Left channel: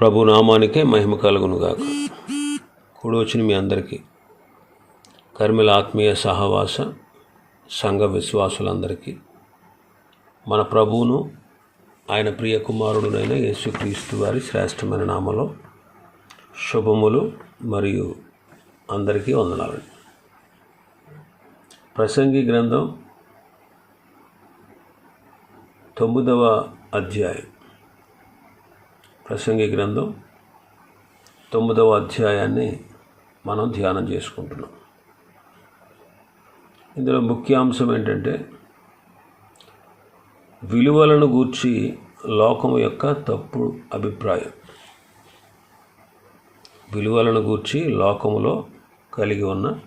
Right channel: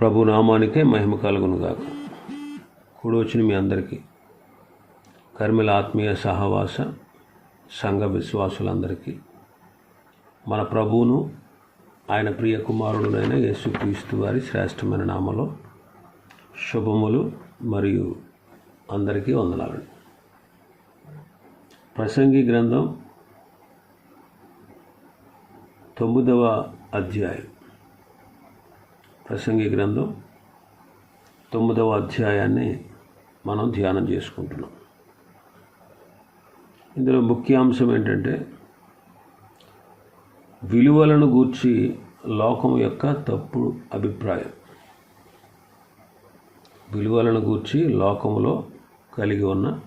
ప్రభు నామానికే మహిమ కలుగునుగాక. కూడొచ్చిన మీ అందరికీ కర్మిల ఆత్మీయ సహవాస సంఘ విశ్వాసులందరికీ మన ప్రభువును ఆయన ప్రియ కుమారుడునైన యేసుక్రీస్తు వారి శ్రేష్టమైన నామలో శుభములు మరియు అందరికీ వందనాలండి ప్రసంగి గ్రంథం తొమ్మిదవ అధ్యాయం. ప్రసంగి గ్రంథం తొమ్మిదవ అధ్యాయాన్ని మనం ధ్యానం చేసుకుంటున్నాం. ఇందులో ముఖ్యాంశం ఏంటంటే విలువలను గూర్చి లోకం యొక్క తప్పు అభిప్రాయం. విలువలను గూర్చి లోకములో కలిగి ఉన్న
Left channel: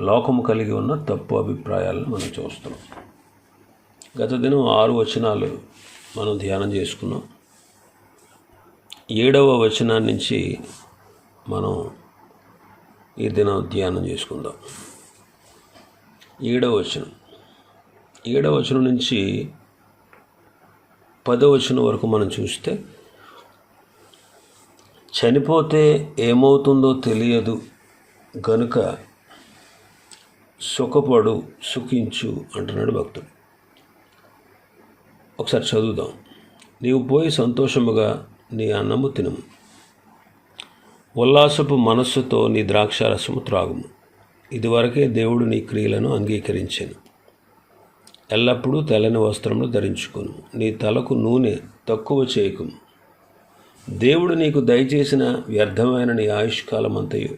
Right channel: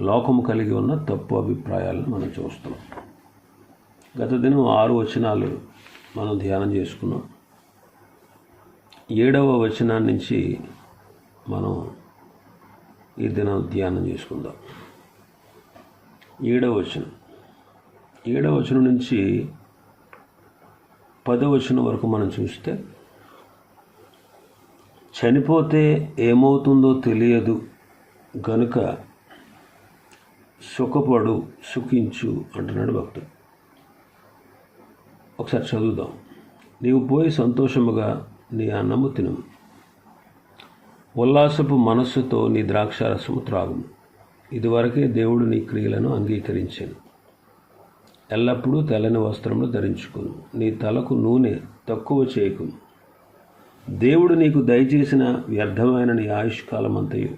లోకము కలిగి ఉన్న తప్పు అభిప్రాయాలను మనం చూస్తున్నాం. గత దినం ఆరు వచనాలు మనం ధ్యానం చేసుకున్నాం. ఏడవ వచనం నుంచి మనం ఈ దినం ధ్యానం చేసుకుందాం. ఏడవ వచనం. ఏడవ వచనం నుంచి పదవ వచనం వరకు మనం చూస్తే చనిపోతే ఏమవుతుందో తెలియదు గనుక సుఖపడు సుఖించు అంటున్నాడు భక్తుడు. ఒకసారి చదువుదాం. నీవు పోయి సంతోషముగా నీ అన్నము తినము. ఉల్లాసపు మనస్సుతో నీ ద్రాక్షారసము త్రాగుము. ఇదివరకే దేవుడు నీ క్రియలను అంగీకరించాను. ఎల్లప్పుడూ తెల్లని వస్త్రములు ధరించుకును. నీ తలకు నూనె తక్కువ చేయకును. దేవుడు నీకు దయచేసిన వ్యర్థమైన నీ ఆయుష్కాలమంతయు.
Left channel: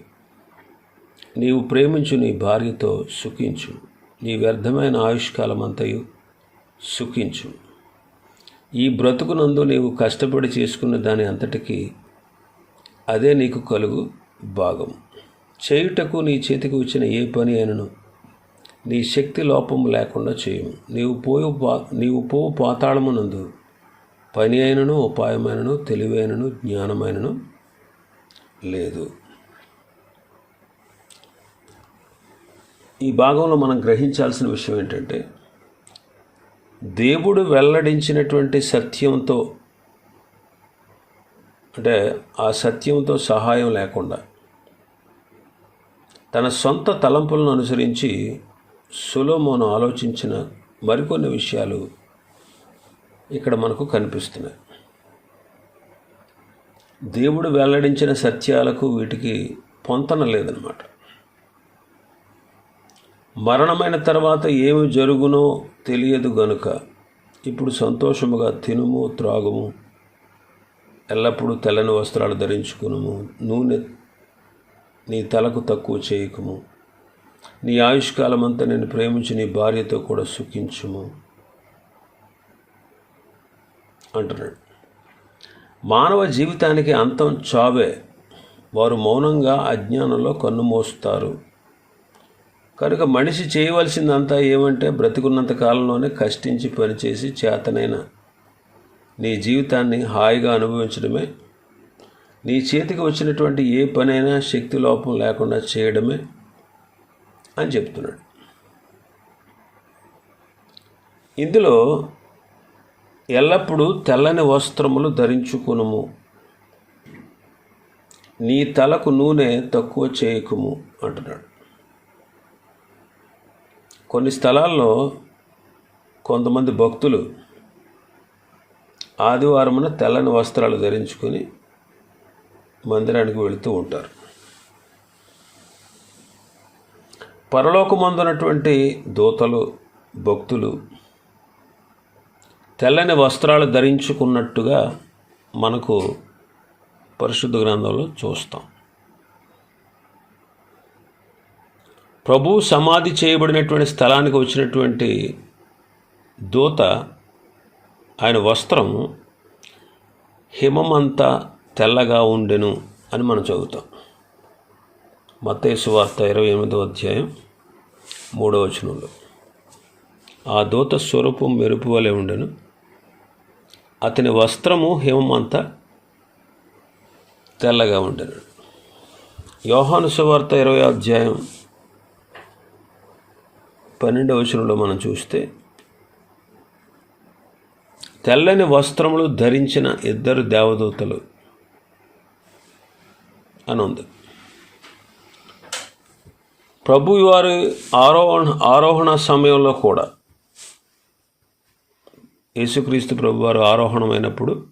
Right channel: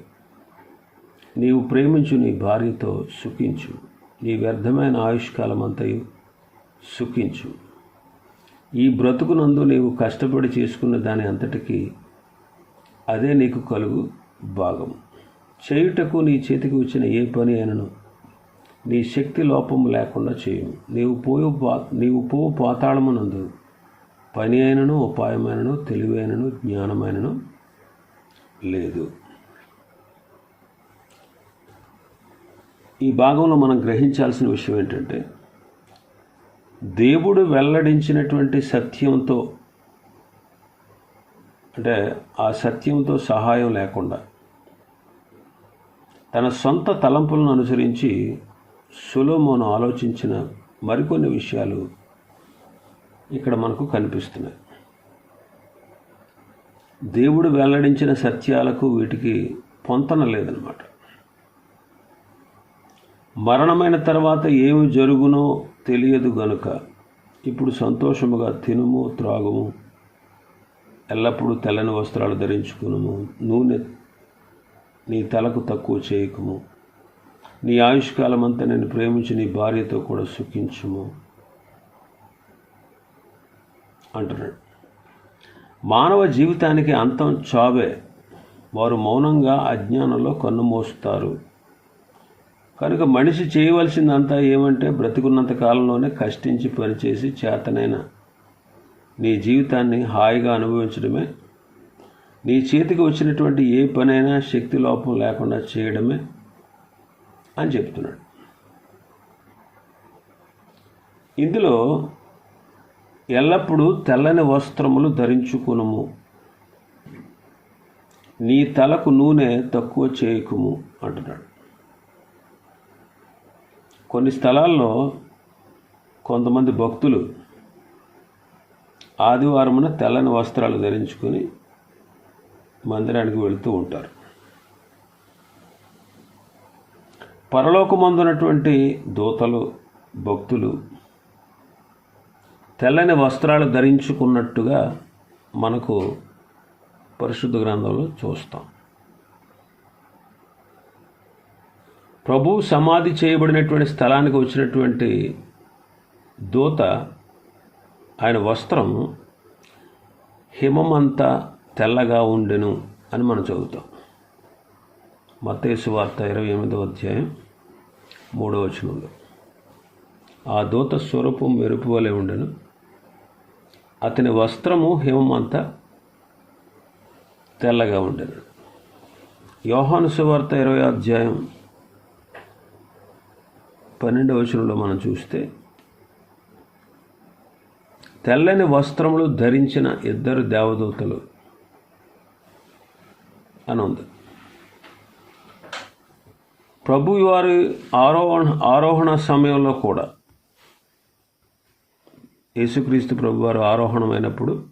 నీవు ప్రేమించు నీ భార్యతో సుఖించు. నీ వ్యర్థమైన ఆయుష్కాలమంతయు సుఖించు. ఈ బ్రతుకునందు నీవు కష్టపడి చేసుకున్న దాని అంతటికీ అదే నీకు కలుగు భాగం. చేయుటకు నీ చేతికి వచ్చిన ఏ పని అయినను నీ శక్తి లోపం లేకుండా చేయము. నీవు పోయు పా నీవు పోవు పాతాళమునందు పని అయినను ఉపాయమైనను తెలివైనను జ్ఞానమైనను లేదు. ఈ భాగంలో మనం గ్రహించాల్సిన విషయం ఏంటంటే దేవుడు వెల్లడించినటువంటి సత్యంతో అంటే ఆ సత్యంతో సహాయం లేకుండా తన సొంత తలంపులను అనుసరించి సులోమోను ఆలోచించిన మరికొన్ని విషయాలు ఇక్కడ మనకు కనిపిస్తున్నాయి. దేవుడు వెల్లడించిన సత్యాలకు వీటికి పొంతన లేదనమాట మరణమైన తర్వాత ఏమి జరుగునో తెలియదు గనుక ఇప్పుడు సంతోషముగా తినుము త్రాగుము ఎల్లప్పుడూ తెల్లని వస్త్రాలు ధరించుకునుము నూనె నీ తలకు తక్కువ చేయకము. నీ ఆయుష్కాలమంతా నేను ప్రేమించి నీ భార్యతో కూడా సుఖించుము అంటున్నాడు. మానవ జీవితానికి అంతం చావే వారు మౌనంగా అజ్ఞానంలో కన్నుమోస్తారు కనుక మనిషి చేయవలసిందంతా ఏమంటే బ్రతికున్నంత కాలంలోనే కష్టించి పనిచేసి చేతనైన నీ జీవితాన్ని హాయిగా అనుభవించడమే నీ చేతికి వచ్చినటువంటి ఏ పనైనా శక్తి లోపం లేకుండా చేయడమే అని చెప్తున్నాడు. ఇందులో ఎల్లప్పుడూ తెల్లని వస్త్రములు ధరించుకునుము. నీ తలకు నూనె తక్కువ చేయకుము అంటున్నాడు. కొన్ని స్థలాల్లో కొంతమంది భక్తులు ఆదివారమున తెల్లని వస్త్రాలు ధరించుకొని మందిరానికి వెళుతూ ఉంటారు. పరలోకమందున్నటువంటి దూతలు భక్తులు తెల్లని వస్త్రాలు ధరించుకున్నట్టుగా మనకు పరిశుద్ధ గ్రంథంలో చూస్తాం. ప్రభు సమాధి చేయబడినటువంటి స్థలానికి వచ్చినటువంటి దూత ఆయన వస్త్రం హిమమంతా తెల్లగా ఉండెను అని మనం చదువుతాం. మత్తేసు వార్త ఇరవై ఎనిమిదో అధ్యాయం మూడవ వచనంలో. ఆ దూత స్వరూపం మెరుపు వలె ఉండెను. అతని వస్త్రము హిమమంతా తెల్లగా ఉండెను. యోహాను సువార్త ఇరవై అధ్యాయం పన్నెండవ వచనంలో మనం చూస్తే తెల్లని వస్త్రములు ధరించిన ఇద్దరు దేవదూతలు అని ఉంది. ప్రభు వారి ఆరోహణ ఆరోహణ సమయంలో కూడా యేసుక్రీస్తు ప్రభు వారు ఆరోహణమైనప్పుడు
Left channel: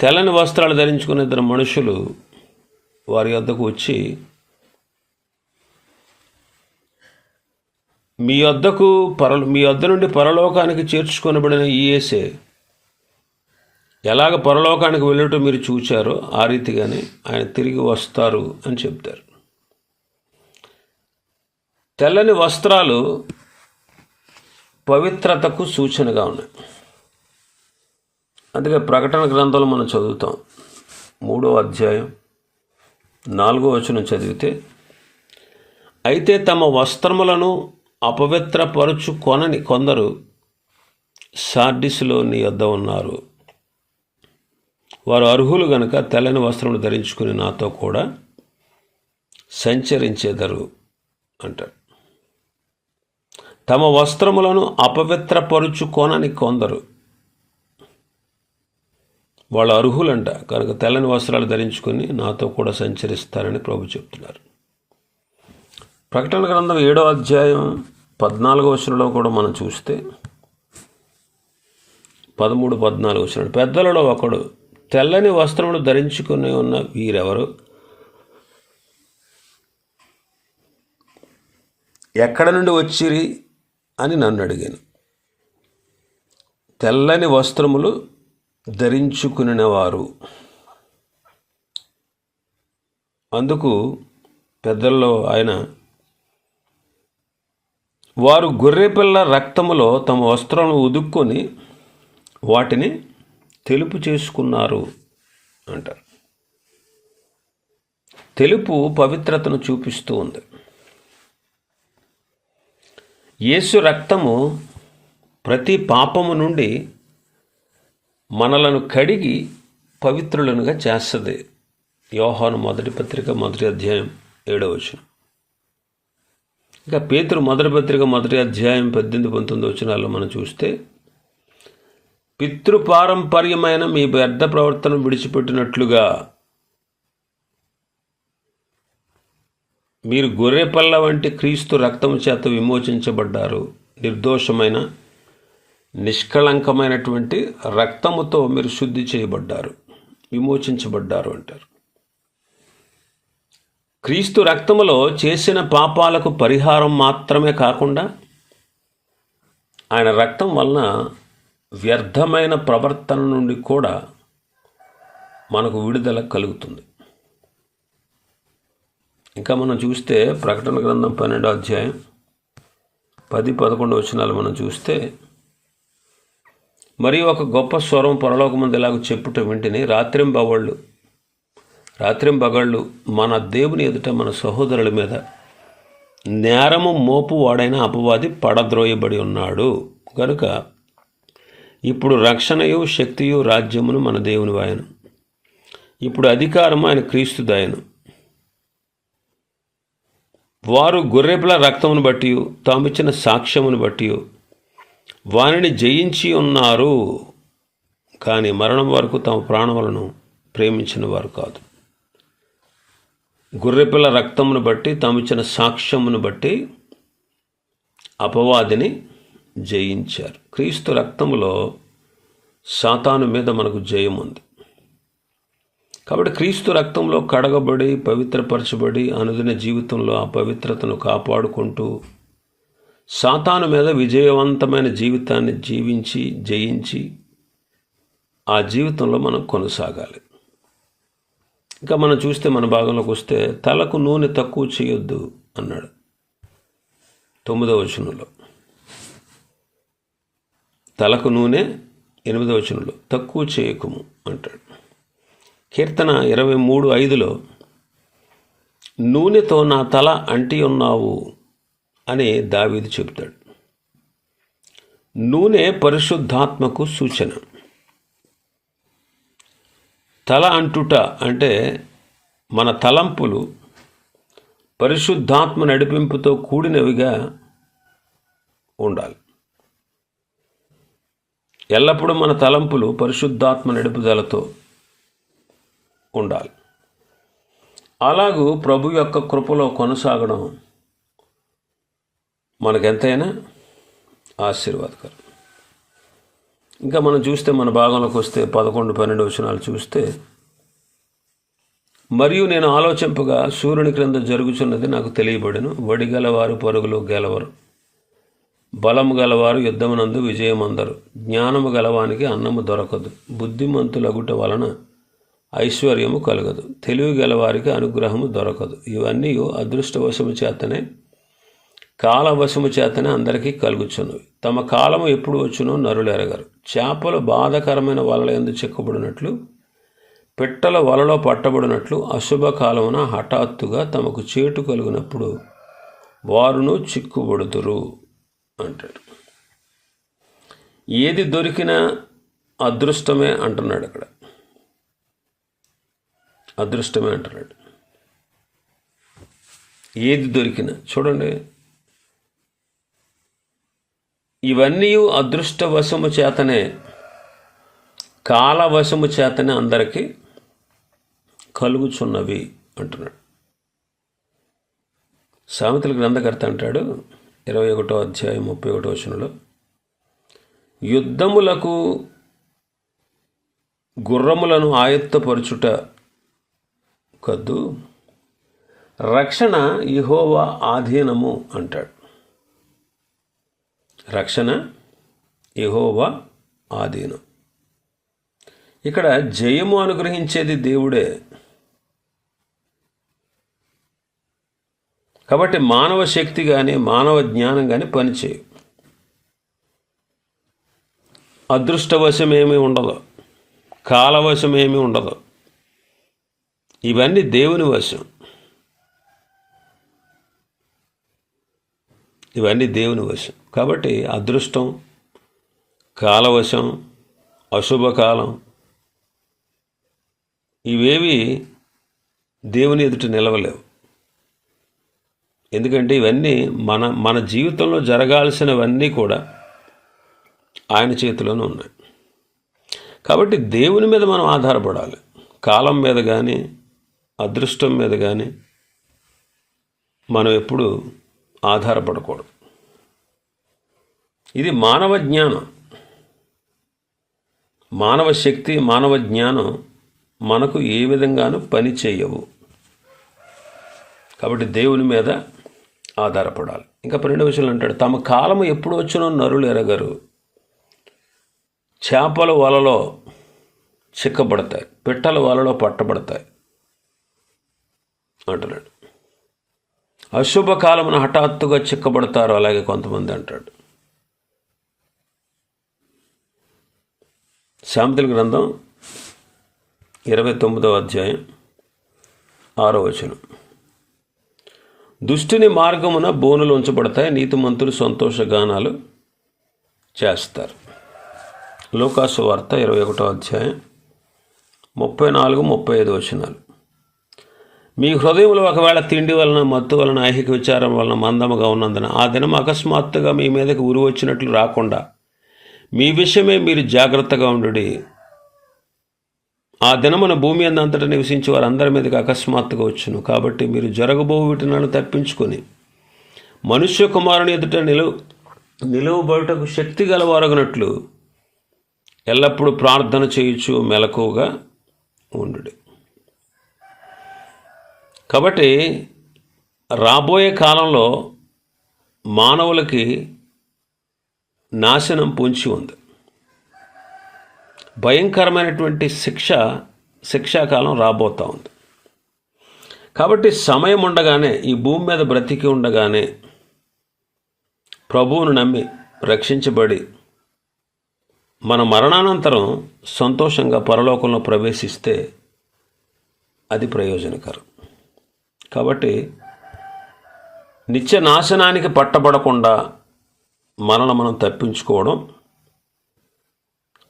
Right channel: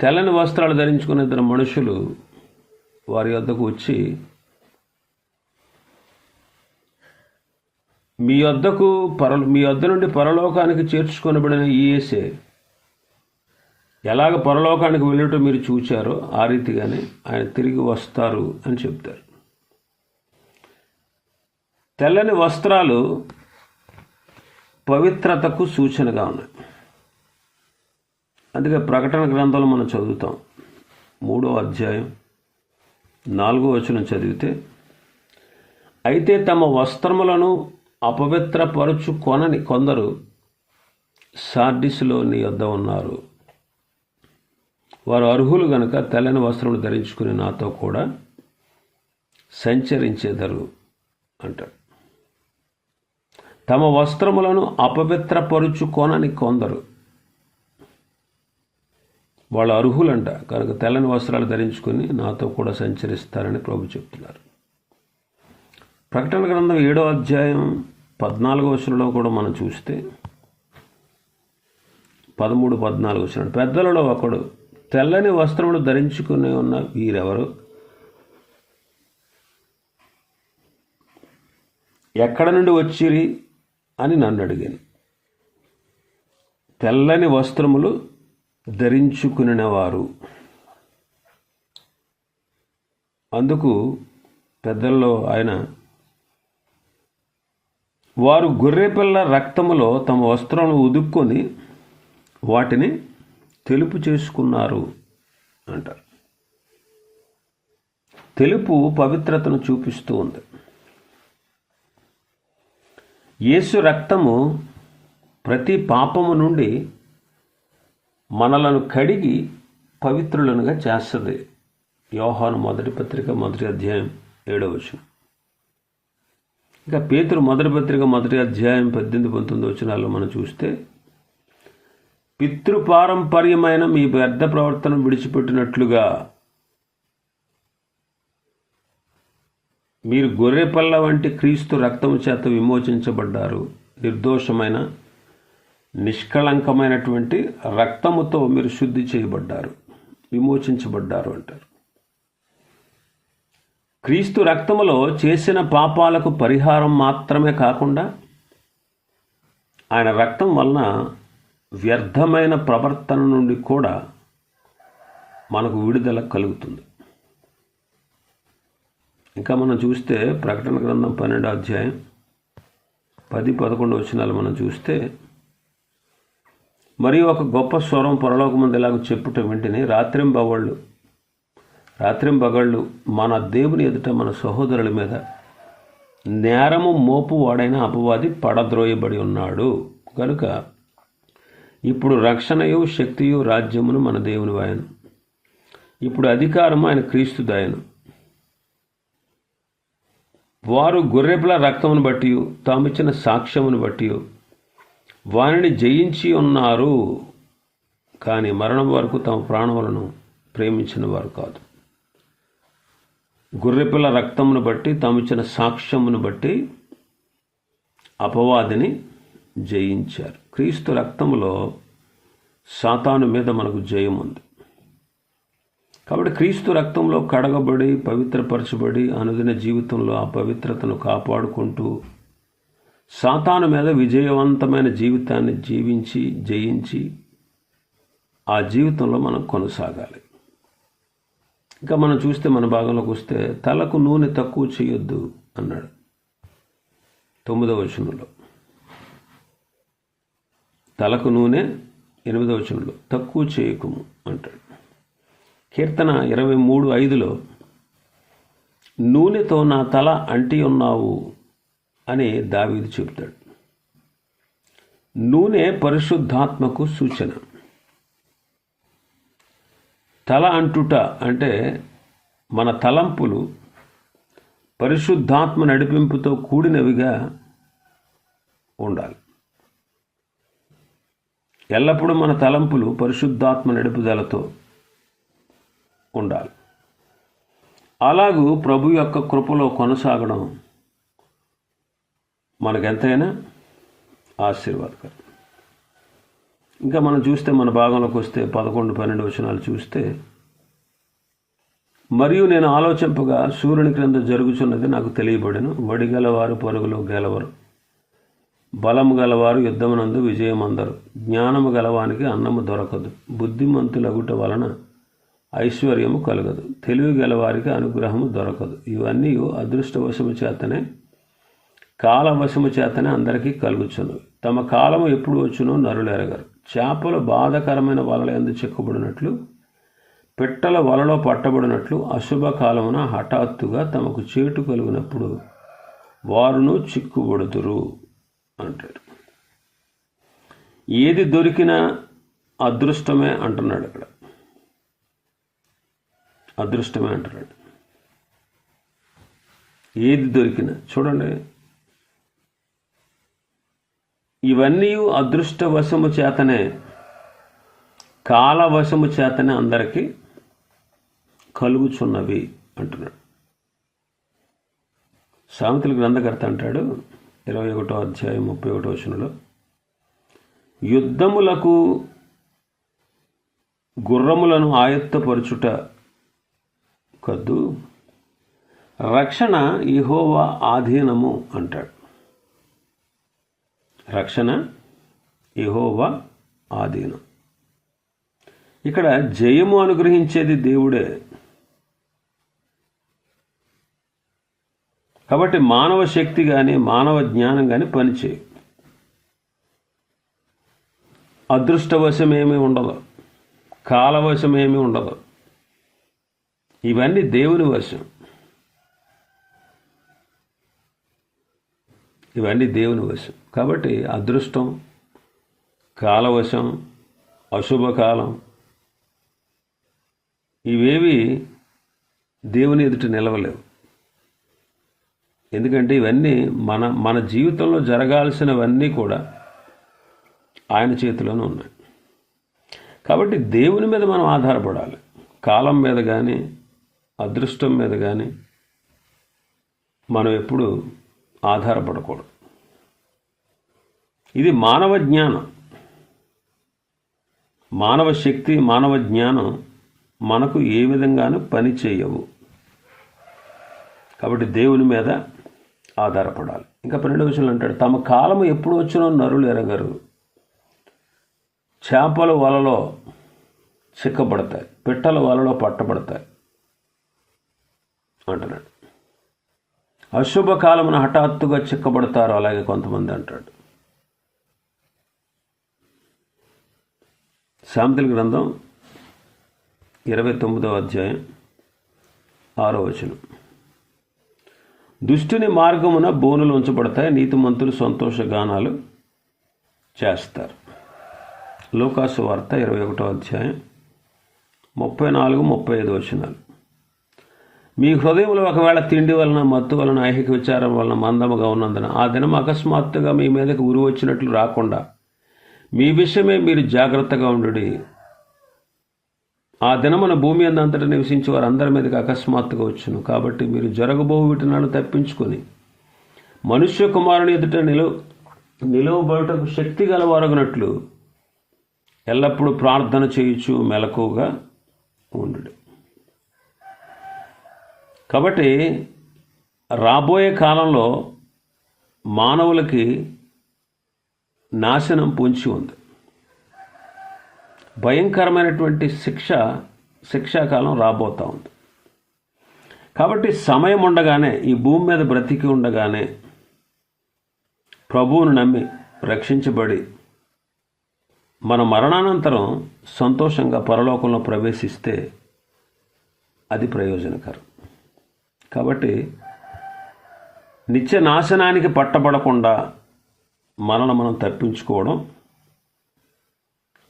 తెల్లని వస్త్రాలు ధరించుకున్న ఇద్దరు మనుషులు వారి వద్దకు వచ్చి మీ వద్దకు పర మీ వద్ద నుండి పరలోకానికి చేర్చుకొనబడిన ఈఎస్ఏ ఎలాగ పరలోకానికి వెళ్ళటం మీరు చూచారో ఆ రీతిగానే ఆయన తిరిగి వస్తారు అని చెప్తారు. తెల్లని వస్త్రాలు పవిత్రతకు సూచనగా ఉన్నాయి. అందుకే ప్రకటన గ్రంథాలు మనం చదువుతాం. మూడో అధ్యాయం నాలుగో వచనం చదివితే అయితే తమ వస్త్రములను అపవిత్రపరచు కొనని కొందరు సార్డిస్లో నీ వద్ద ఉన్నారు. వారు అర్హులు గనుక తెల్లని వస్త్రములు ధరించుకుని నాతో కూడా సంచరించేదరు అంటారు. తమ వస్త్రములను అపవిత్రపరుచుకొనని కొందరు వాళ్ళు అర్హులంట కనుక తెల్లని వస్త్రాలు ధరించుకొని నాతో కూడా సంచరిస్తారని ప్రభు చెప్తున్నారు. ప్రకటన గ్రంథం ఏడో అధ్యాయం పద్నాలుగో వచనంలో కూడా మనం చూస్తే పదమూడు పద్నాలుగు వచనం పెద్దలలో ఒకడు తెల్లని వస్త్రములు ధరించుకుని ఉన్న వీరెవరు? ఎక్కడ నుండి వచ్చిరి అని నన్ను అడిగాను. తెల్లని వస్త్రములు ధరించుకునేవారు అందుకు పెద్దల్లో ఆయన వారు గొర్రెపిల్ల రక్తములో తమ వస్త్రములు ఉదుక్కొని వాటిని తెలుపు చేసుకున్నారు అంటారు. తెలుపు పవిత్రతను చూపిస్తూ ఉంది. యేసు రక్తము ప్రతి పాపము నుండి మనలను కడిగి పవిత్రులనుగా చేస్తుంది. యోహాను మొదటి పత్రిక మొదటి అధ్యాయం ఏడవచనం ఇంకా పేతురు మొదటి పత్రిక మొదటి అధ్యాయం పద్దెనిమిది పంతొమ్మిది వచనాల్లో మనం చూస్తే పితృపారంపర్యమైన మీ వ్యర్థ ప్రవర్తన విడిచిపెట్టినట్లుగా మీరు గొర్రెపల్ల వంటి క్రీస్తు రక్తము చేత విమోచించబడ్డారు. నిర్దోషమైన నిష్కళంకమైనటువంటి రక్తముతో మీరు శుద్ధి చేయబడ్డారు విమోచించబడ్డారు అంటారు. క్రీస్తు రక్తములో చేసిన పాపాలకు పరిహారం మాత్రమే కాకుండా ఆయన రక్తం వలన వ్యర్థమైన ప్రవర్తన నుండి కూడా మనకు విడుదల కలుగుతుంది. ఇంకా మనం చూస్తే ప్రకటన గ్రంథం పన్నెండో అధ్యాయం పది పదకొండు వచనాలు మనం చూస్తే మరి ఒక గొప్ప స్వరం పొరలోకముందు ఇలాగ చెప్పుట వెంటనే రాత్రింబవళ్ళు రాత్రింబగళ్ళు మన దేవుని ఎదుట మన సహోదరుల మీద నేరము మోపు వాడైన అపవాది పడద్రోయబడి ఉన్నాడు. కనుక ఇప్పుడు రక్షణయు శక్తియు రాజ్యమును మన దేవుని వాయను. ఇప్పుడు అధికారము ఆయన క్రీస్తు దాయను. వారు గొర్రెపిల రక్తమును బట్టి తామిచ్చిన సాక్ష్యమును బట్టి వారిని జయించి ఉన్నారు. కానీ మరణం వరకు తమ ప్రాణములను ప్రేమించిన వారు కాదు. గొర్రెపిల్ల రక్తమును బట్టి తామిచ్చిన సాక్ష్యమును బట్టి అపవాదిని జయించారు. క్రీస్తు రక్తములో సాతాను మీద మనకు జయం ఉంది. కాబట్టి క్రీస్తు రక్తంలో కడగబడి పవిత్రపరచబడి అనుదిన జీవితంలో ఆ పవిత్రతను కాపాడుకుంటూ సాతాను మీద విజయవంతమైన జీవితాన్ని జీవించి జయించి ఆ జీవితంలో మనం కొనసాగాలి. ఇంకా మనం చూస్తే మన భాగంలోకి వస్తే తలకు నూనె తక్కువ చేయొద్దు అన్నాడు. తొమ్మిదవ వచనంలో. తలకు నూనె ఎనిమిదవ వచనంలో. తక్కువ చేయకుము అంటాడు. కీర్తన ఇరవై మూడు ఐదులో నూనెతో నా తల అంటి ఉన్నావు అని దావీదు చెబుతాడు. నూనె పరిశుద్ధాత్మకు సూచన. తల అంటుట అంటే మన తలంపులు పరిశుద్ధాత్మ నడిపింపుతో కూడినవిగా ఉండాలి. ఎల్లప్పుడూ మన తలంపులు పరిశుద్ధాత్మ నడుపుదలతో ఉండాలి. అలాగూ ప్రభు యొక్క కృపలో కొనసాగడం మనకెంతైనా ఆశీర్వాదకరం. ఇంకా మనం చూస్తే మన భాగంలోకి వస్తే పదకొండు పన్నెండు వచనాలు చూస్తే మరియు నేను ఆలోచింపగా సూర్యుని క్రింద జరుగుచున్నది నాకు తెలియబడను. వడి గలవారు పరుగులు గెలవరు. బలము గలవారు యుద్ధమునందు విజయమందరు. జ్ఞానము గలవానికి అన్నము దొరకదు. బుద్ధిమంతులగుట వలన ఐశ్వర్యము కలగదు. తెలివి గలవారికి అనుగ్రహము దొరకదు. ఇవన్నీ అదృష్టవశము చేతనే కాలవశము చేతనే అందరికీ కలుగుచున్నవి. తమ కాలము ఎప్పుడు వచ్చునో నరులు ఎరగరు. చేపలు బాధకరమైన వలల ఎందు చిక్కబడినట్లు పిట్టల వలలో పట్టబడినట్లు అశుభ కాలమున హఠాత్తుగా తమకు చేటు కలిగినప్పుడు వారును చిక్కుబడుతురు అంటాడు. ఏది దొరికినా అదృష్టమే అంటున్నాడు అక్కడ అదృష్టమే అంటున్నాడు. ఏది దొరికినా చూడండి ఇవన్నీ అదృష్టవశము చేతనే కాలవశము చేతనే అందరికీ కలుగుచున్నవి అంటున్నాడు. సామెతల గ్రంథకర్త అంటాడు ఇరవై ఒకటో అధ్యాయం ముప్పై ఒకటో వచనంలో యుద్ధములకు గుర్రములను ఆయత్తపరుచుట కద్దు రక్షణ ఇహోవా ఆధీనము అంటాడు. రక్షణ యహోవా ఆధీనం. ఇక్కడ జయము అనుగ్రహించేది దేవుడే. కాబట్టి మానవ శక్తి కానీ మానవ జ్ఞానం కానీ పనిచేయ అదృష్టవశమేమీ ఉండదు. కాలవశం ఉండదు. ఇవన్నీ దేవుని వశం. ఇవన్నీ దేవుని వశం. కాబట్టి అదృష్టం కాలవశం అశుభకాలం ఇవేవి దేవుని ఎదుట నిలవలేవు. ఎందుకంటే ఇవన్నీ మన మన జీవితంలో జరగాల్సినవన్నీ కూడా ఆయన చేతిలోనే ఉన్నాయి. కాబట్టి దేవుని మీద మనం ఆధారపడాలి. కాలం మీద కానీ అదృష్టం మీద కానీ మనం ఎప్పుడు ఆధారపడకూడదు. ఇది మానవ జ్ఞానం. మానవ శక్తి మానవ జ్ఞానం మనకు ఏ విధంగానూ పని చేయవు. కాబట్టి దేవుని మీద ఆధారపడాలి. ఇంకా పన్నెండు విషయాలు అంటాడు తమ కాలము ఎప్పుడు వచ్చినో నరులు ఎరగరు. చేపల వలలో చిక్కబడతాయి. పిట్టల వలలో పట్టబడతాయి. అంటున్నాడు. అశుభ కాలమున హఠాత్తుగా చిక్కబడతారు. అలాగే కొంతమంది అంటాడు. శాంతుల గ్రంథం ఇరవై తొమ్మిదవ అధ్యాయం ఆరో వచనం. దుష్టుని మార్గమున బోనులు ఉంచబడతాయి. నీతిమంతులు సంతోషగానాలు చేస్తారు. లోకాసు వార్త ఇరవై ఒకటో అధ్యాయం ముప్పై నాలుగు ముప్పై ఐదు వచనాలు. మీ హృదయంలో ఒకవేళ తిండి వలన మత్తు వలన ఐహిక విచారం వలన మందముగా ఉన్నందున ఆ దినం అకస్మాత్తుగా మీ మీదకి ఉరి వచ్చినట్లు రాకుండా మీ విషయమే మీరు జాగ్రత్తగా ఉండు ఆ దినమున భూమి అంతటా నివసించి వారందరి మీదకి అకస్మాత్తుగా వచ్చును. కాబట్టి మీరు జరగబో వీటినాడు తప్పించుకొని మనుష్య కుమారుని ఎదుట నిలువ నిలువబడుటకు శక్తి గలవారగినట్లు ఎల్లప్పుడూ ప్రార్థన చేయుచు మెలకువగా ఉండు కాబట్టి రాబోయే కాలంలో మానవులకి నాశనం పొంచి ఉంది. భయంకరమైనటువంటి శిక్ష శిక్షాకాలం రాబోతూ ఉంది. కాబట్టి సమయం ఉండగానే ఈ భూమి మీద బ్రతికి ఉండగానే ప్రభువును నమ్మి రక్షించబడి మన మరణానంతరం సంతోషంగా పరలోకంలో ప్రవేశిస్తే అది ప్రయోజనకరం. కాబట్టి నిత్య నాశనానికి పట్టబడకుండా మనల్ని మనం తప్పించుకోవడం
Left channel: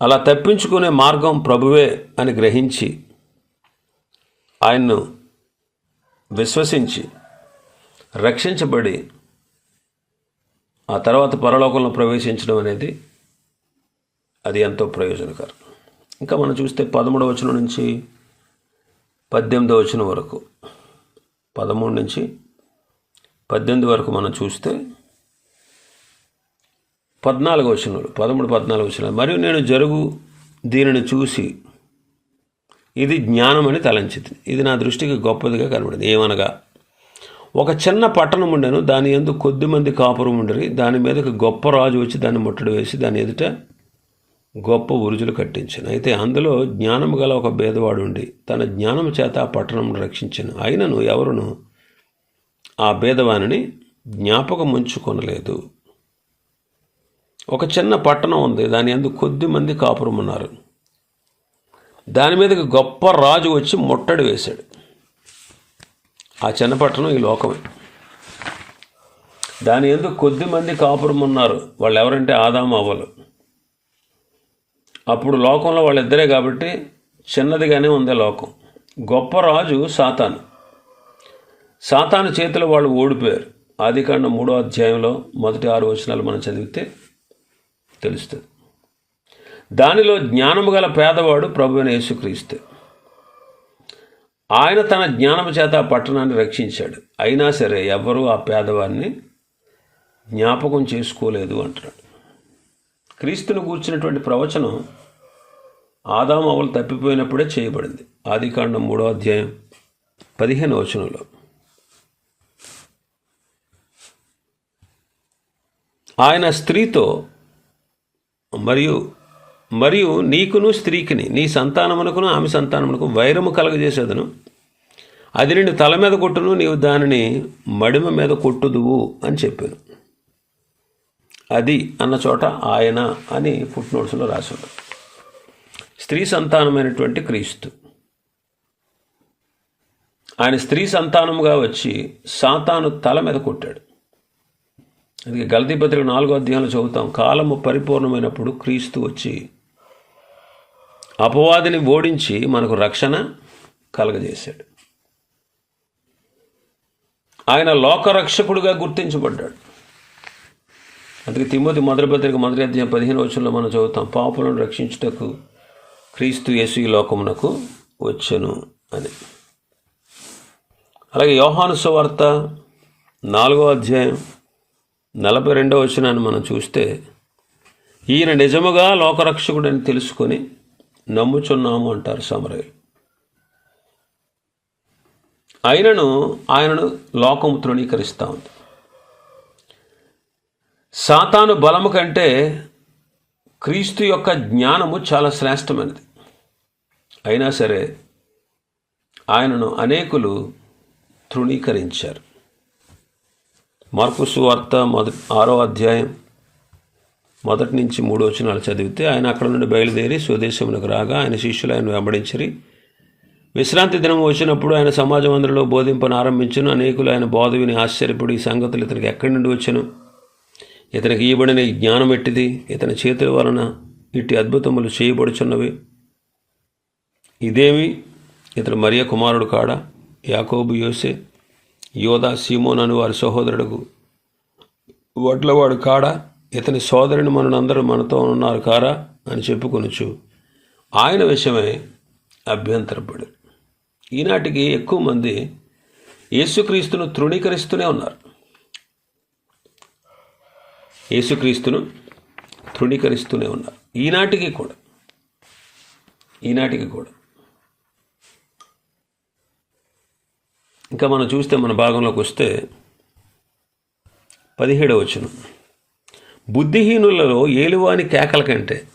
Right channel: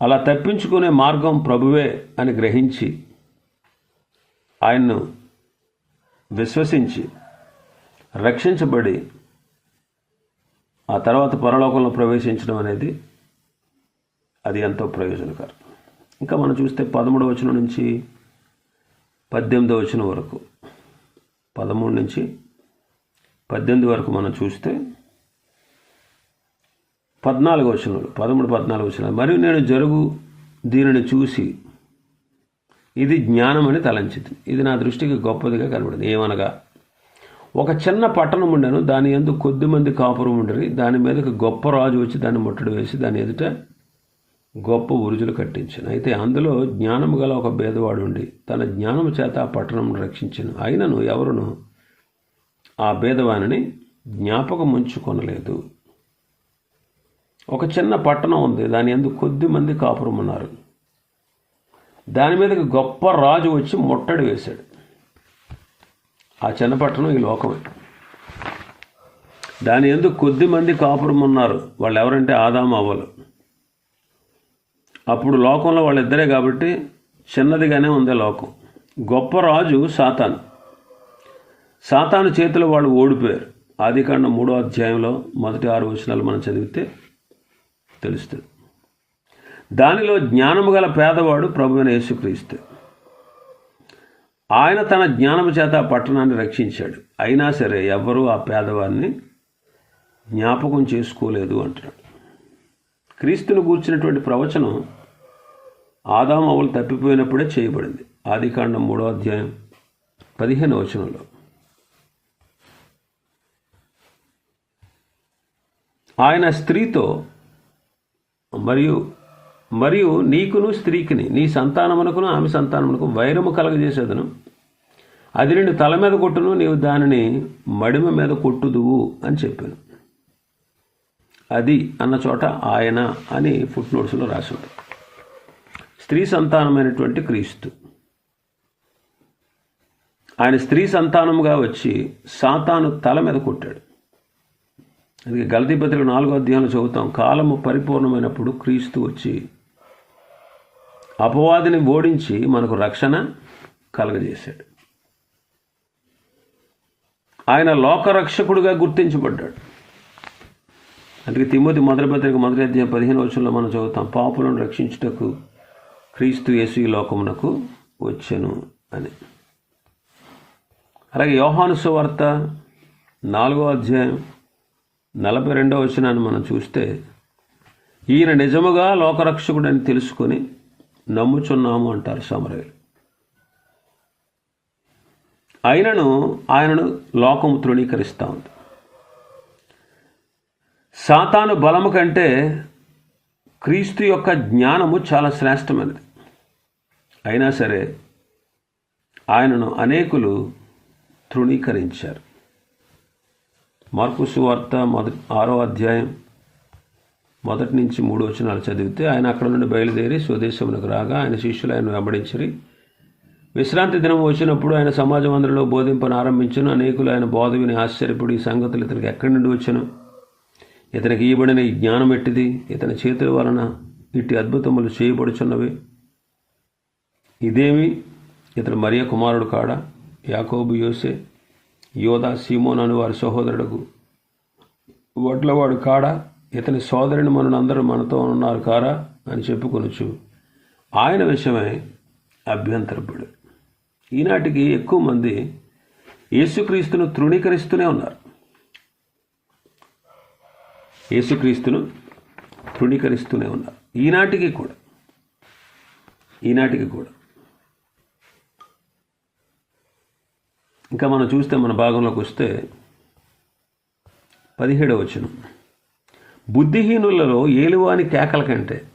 అలా తప్పించుకునే మార్గం ప్రభువే అని గ్రహించి ఆయన్ను విశ్వసించి రక్షించబడి ఆ తర్వాత పరలోకంలో ప్రవేశించడం అనేది అది ఎంతో ప్రయోజనకరం. ఇంకా మనం చూస్తే పదమూడవ వచనం నుంచి పద్దెనిమిదవ వచనం వరకు. పదమూడు నుంచి పద్దెనిమిది వరకు మనం చూస్తే పద్నాలుగు వచనాలు పదమూడు పద్నాలుగు వచనాలు. మరియు నేను జరుగు దీనిని చూసి ఇది జ్ఞానం అని తలంచింది. ఇది నా దృష్టికి గొప్పదిగా కనబడింది. ఏమనగా ఒక చిన్న పట్టణం ఉండెను దాని ఎందుకు కొద్ది మంది కాపురం ఉండరు దాని మీదకి గొప్ప రాజు వచ్చి దాన్ని ముట్టడి వేసి దాని ఎదుట గొప్ప ఉరుజులు కట్టించాను. అయితే అందులో జ్ఞానము గల ఒక భేదవాడు ఉండి తన జ్ఞానము చేత ఆ పట్టణం రక్షించాను. అయినను ఎవరును ఆ భేదవాణిని జ్ఞాపకం ఉంచుకొనలేదు ఒక చిన్న పట్టణం ఉంది దాని ఎందు కొద్ది మంది కాపురం ఉన్నారు దాని మీదకి గొప్ప రాజు వచ్చి ముట్టడి వేశాడు. ఆ చిన్న పట్టణం ఈ లోకమే. దాని ఎందుకు కొద్ది మంది కాపురం ఉన్నారు వాళ్ళు ఎవరంటే ఆదాము అప్పుడు లోకంలో వాళ్ళిద్దరే కాబట్టి చిన్నదిగానే ఉంది లోకం. గొప్ప రాజు సాతాను. సాతాను చేతిలో వాళ్ళు ఓడిపోయారు. ఆదికాండ మూడో అధ్యాయంలో మొదటి ఆరు వచనాలు మనం చదివితే తెలుస్తుంది. దానిలో జ్ఞానము గల పేదవాడు ప్రభువైన యేసుక్రీస్తు. ఆయన తన జ్ఞానము చేత ఆ పట్టణాన్ని రక్షించాడు. అయినా సరే ఎవ్వరూ ఆ పేదవాడిని జ్ఞాపకం చేసుకోలేదు అంటున్నాడు. క్రీస్తును గూర్చినటువంటి ప్రవచనం ఆదాం అవలు తప్పిపోయినప్పుడే చేయబడింది. ఆదికాండం మూడో అధ్యాయం పదిహేను వచనంలో. ఆయన స్త్రీతో మరియు మరియు నీకును స్త్రీకిని నీ సంతానమునకును ఆమె సంతానమునకు వైరము కలగజేసేదను. అది నిన్ను తల మీద కొట్టును నీవు దానిని మడిమ మీద కొట్టుదువు అని చెప్పాను. అది అన్న చోట ఆయన అని ఫుట్ నోట్స్లో రాశాడు. స్త్రీ సంతానమైనటువంటి క్రీస్తు. ఆయన స్త్రీ సంతానముగా వచ్చి సాతాను తల మీద కొట్టాడు. అందుకే గల్తీ పత్రిక నాలుగో అధ్యాయంలో చదువుతాం కాలము పరిపూర్ణమైనప్పుడు క్రీస్తు వచ్చి అపవాదిని ఓడించి మనకు రక్షణ కలగజేశాడు. ఆయన లోకరక్షకుడుగా గుర్తించబడ్డాడు. అందుకే తిమ్మతి మొదటి పత్రిక మొదటి అధ్యాయం పదిహేను వచ్చంలో మనం చదువుతాం. పాపులను రక్షించుటకు క్రీస్తు యేసు ఈ లోకమునకు వచ్చను అని. అలాగే యోహాను సువార్త నాలుగో అధ్యాయం నలభై రెండవ వచనాన్ని మనం చూస్తే ఈయన నిజముగా లోకరక్షకుడని తెలుసుకొని నమ్ముచున్నాము అంటారు సమరవేలు అయినను ఆయనను లోకము తృణీకరిస్తూ ఉంది. సాతాను బలము కంటే క్రీస్తు యొక్క జ్ఞానము చాలా శ్రేష్టమైనది. అయినా సరే ఆయనను అనేకులు తృణీకరించారు. మార్పు సువార్త మొదటి ఆరో అధ్యాయం మొదటి నుంచి మూడు వచనాలు చదివితే ఆయన అక్కడ నుండి బయలుదేరి స్వదేశంలోకి రాగా ఆయన శిష్యులు ఆయన వెంబడించరి. విశ్రాంతి దినం వచ్చినప్పుడు ఆయన సమాజం అందరిలో బోధింపను ఆరంభించను అనేకులు ఆయన బోధ విని ఆశ్చర్యపడి ఈ సంగతులు ఇతనికి ఎక్కడి నుండి వచ్చను? ఇతనికి ఇవ్వబడిన ఈ జ్ఞానం ఎట్టిది? ఇతని చేతుల వలన ఇట్టి అద్భుతములు చేయబడుచున్నవి. ఇదేమి? ఇతను మరియ కుమారుడు కాడా? యాకోబు యోసే యోధా సీమోన్ అని వారి సహోదరుడుకు. వడ్లవాడు కాడా? ఇతని సోదరుని మనందరూ మనతో ఉన్నారు కారా? అని చెప్పుకొనొచ్చు ఆయన విషయమై అభ్యంతరపడు. ఈనాటికి ఎక్కువ మంది యేసుక్రీస్తును తృణీకరిస్తూనే ఉన్నారు. యేసుక్రీస్తును తృణీకరిస్తూనే ఉన్నారు. ఈనాటికి కూడా. ఈనాటికి కూడా. ఇంకా మనం చూస్తే మన భాగంలోకి వస్తే పదిహేడవ వచనం. బుద్ధిహీనులలో ఏలువాని కేకల కంటే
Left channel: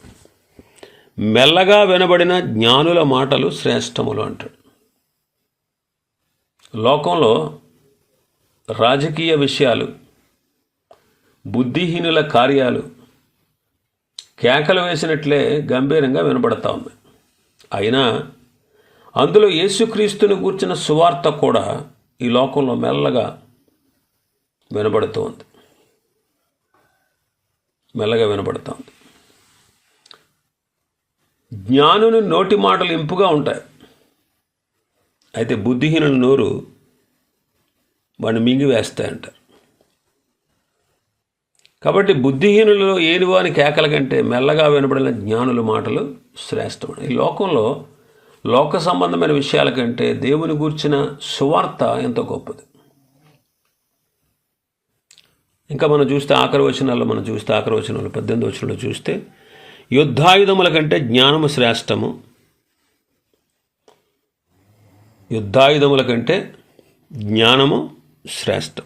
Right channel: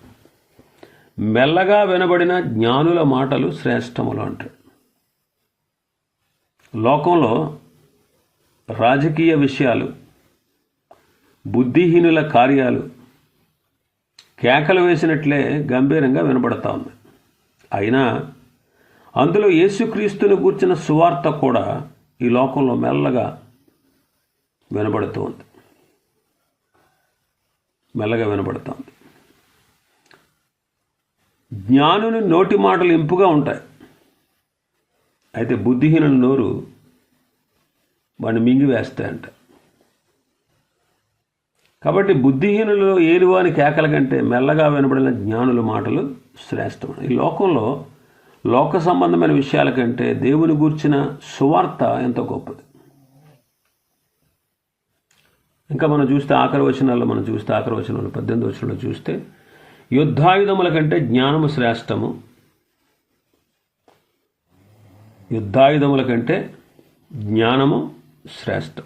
మెల్లగా వినబడిన జ్ఞానుల మాటలు శ్రేష్టములు అంటాడు. లోకంలో రాజకీయ విషయాలు బుద్ధిహీనుల కార్యాలు. కేకలు వేసినట్లే గంభీరంగా వినబడతా ఉంది. అయినా అందులో యేసుక్రీస్తుని గూర్చిన సువార్త కూడా ఈ లోకంలో మెల్లగా వినబడుతూ ఉంది. మెల్లగా వినబడుతూ ఉంది. జ్ఞానుని నోటి మాటలు ఇంపుగా ఉంటాయి. అయితే బుద్ధిహీనుల నోరు వాడిని మింగివేస్తాయంట. కాబట్టి బుద్ధిహీనులలో ఏనివాని కేకల కంటే మెల్లగా వినబడిన జ్ఞానుల మాటలు శ్రేష్టమైన ఈ లోకంలో లోక సంబంధమైన విషయాల కంటే దేవుని గూర్చిన సువార్త ఎంతో గొప్పది. ఇంకా మనం చూస్తే ఆఖరి వచనాల్లో మనం చూస్తే ఆఖరి వచనాలు పద్దెనిమిది వచనంలో చూస్తే యుద్ధాయుధముల కంటే జ్ఞానము శ్రేష్టము. యుద్ధాయుధముల కంటే జ్ఞానము శ్రేష్టం.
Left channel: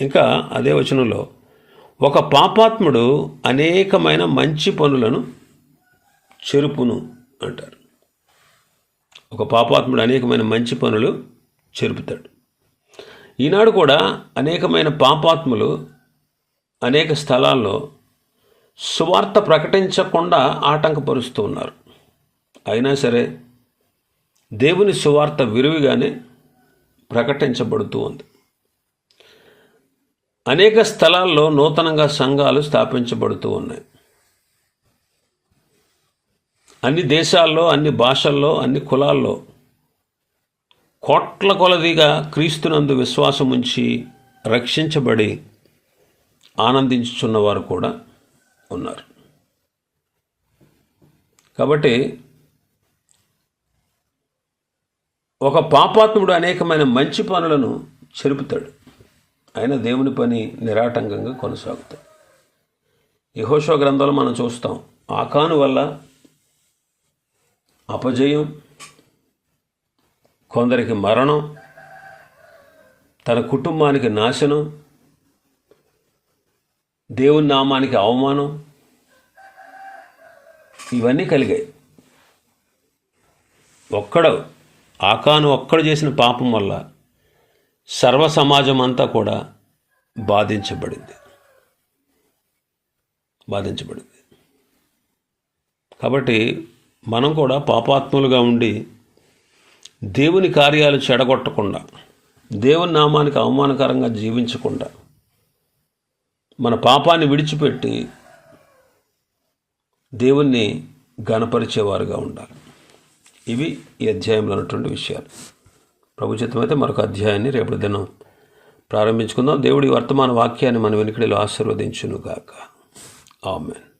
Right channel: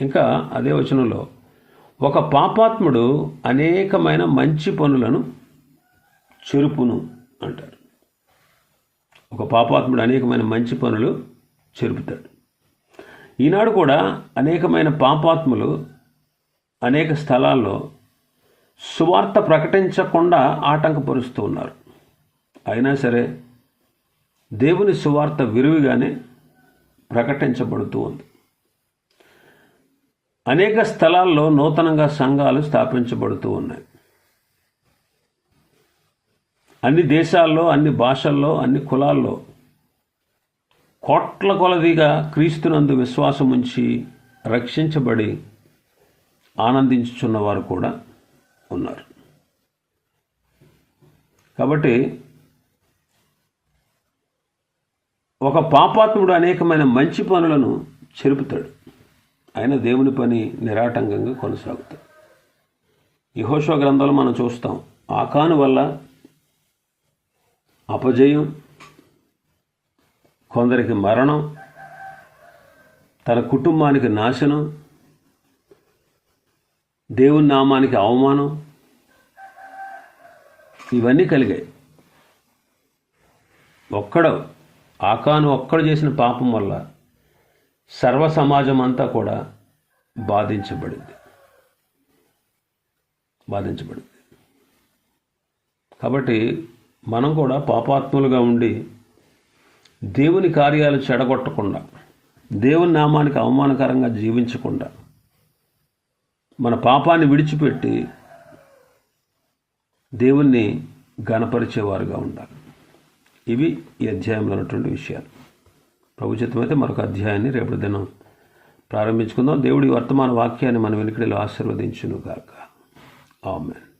ఇంకా అదే వచనంలో ఒక పాపాత్ముడు అనేకమైన మంచి పనులను చెరుపును అంటారు. ఒక పాపాత్ముడు అనేకమైన మంచి పనులు చెరుపుతాడు. ఈనాడు కూడా అనేకమైన పాపాత్ములు అనేక స్థలాల్లో సువార్త ప్రకటించకుండా ఆటంకపరుస్తూ ఉన్నారు. అయినా సరే దేవుని సువార్త విరివిగానే ప్రకటించబడుతూ ఉంది. అనేక స్థలాల్లో నూతనంగా సంఘాలు స్థాపించబడుతూ ఉన్నాయి. అన్ని దేశాల్లో అన్ని భాషల్లో అన్ని కులాల్లో కోట్ల కొలదిగా క్రీస్తునందు విశ్వాసం ఉంచి రక్షించబడి ఆనందించుచున్నవారు కూడా ఉన్నారు. కాబట్టి ఒక పాపాత్ముడు అనేకమైన మంచి పనులను చెరుపుతాడు. అయినా దేవుని పని నిరాటంకంగా కొనసాగుతాయి యహోషో గ్రంథంలో మనం చూస్తాం ఆకాను వల్ల అపజయం కొందరికి మరణం తన కుటుంబానికి నాశనం దేవుని నామానికి అవమానం ఇవన్నీ కలిగాయి. ఒక్కడ ఆకాను ఒక్కడు చేసిన పాపం వల్ల సర్వ సమాజం అంతా కూడా బాధించబడింది. బాధించబడింది. కాబట్టి మనం కూడా పాపాత్ములుగా ఉండి దేవుని కార్యాలు చెడగొట్టకుండా దేవుని నామానికి అవమానకరంగా జీవించకుండా మన పాపాన్ని విడిచిపెట్టి దేవుణ్ణి గణపరిచేవారుగా ఉండాలి. ఇవి ఈ అధ్యాయంలో ఉన్నటువంటి విషయాలు. ప్రభు చిత్తమైతే మరొక అధ్యాయాన్ని రేపటి దినం ప్రారంభించుకుందాం. దేవుడి వర్తమాన వాక్యాన్ని మన వెనుకడిలో ఆశీర్వదించునుగాక. ఆమెన్.